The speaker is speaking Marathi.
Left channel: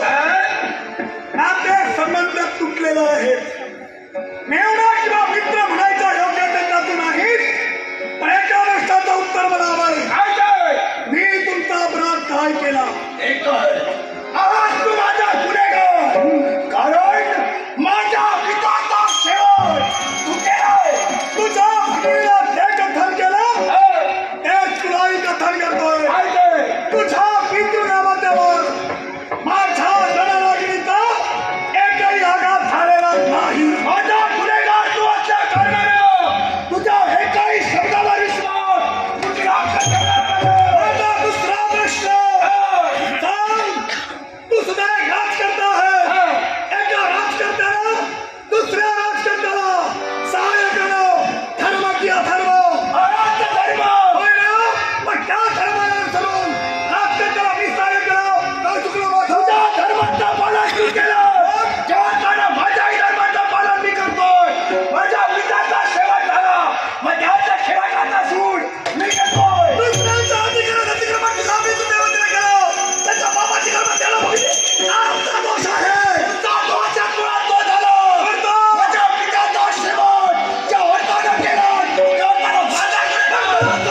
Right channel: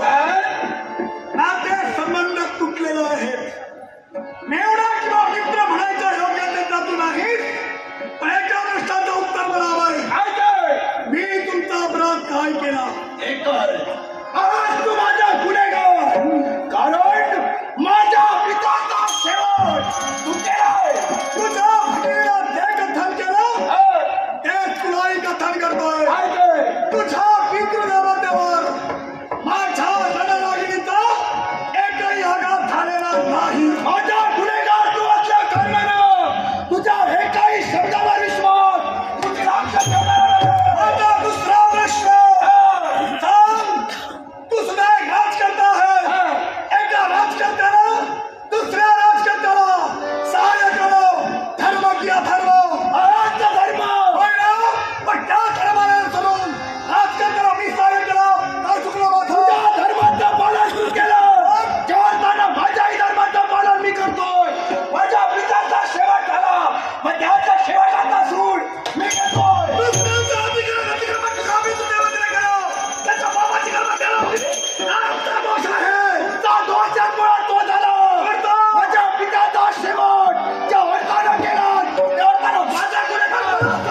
नाते संबंध तुटलेले आहेत. मेवणा किंवा मित्र म्हणायचा योग्य त्याच्यातून नाही. पण एका प्रश्नाचं उत्तर मला हवंय. मी तुमचा अपराध काय केला? आज तू माझा गुन्हेगार, कारण माझ्या पित्याचा शेवट तू केलाय. तुझ्या भाकरीला जे कथन केलं तेच तुलाही कथन करतोय. तुझ्या पितृनामात्यावर माझ्या रणरागिणीचा एकही आघात झालेला नाही. माझा गुन्हेगार तू असल्या कारणानं तुझ्या एकाही शब्दावर विश्वास तुझ्या माझा दुसरा प्रश्न सांग. तू सुद्धा एक राजकर्ता आहे. एका राजकर्त्याला दुसऱ्या राजकर्त्याला सहाय्य करणं धर्म की अधर्म? धर्म होय ना. पण त्या धर्मानुसरून राजकर्त्याला मी सहाय्य केलं काय चुकलं माझं? तुझ्या धर्माचं पालन तू केलं. जेव्हा माझ्याही धर्माचं पालन मी करतोय. माझ्या पित्याचा शेवट झाला मग त्याच्या शेवटाचा सूड मी घेतोय. दुसऱ्यांचा अधिकार अतिक्रमण तुझ्या मी तुझ्या वतीने केलं. त्याच्या बाबाची कर्म त्याला बघितली. आमचा दोष आहे. तुमचा दोषात मुळात तो झाला. माझ्या पित्याचा शेवट ज्या अर्थानं केला त्या अर्थानं माझा गुन्हेगार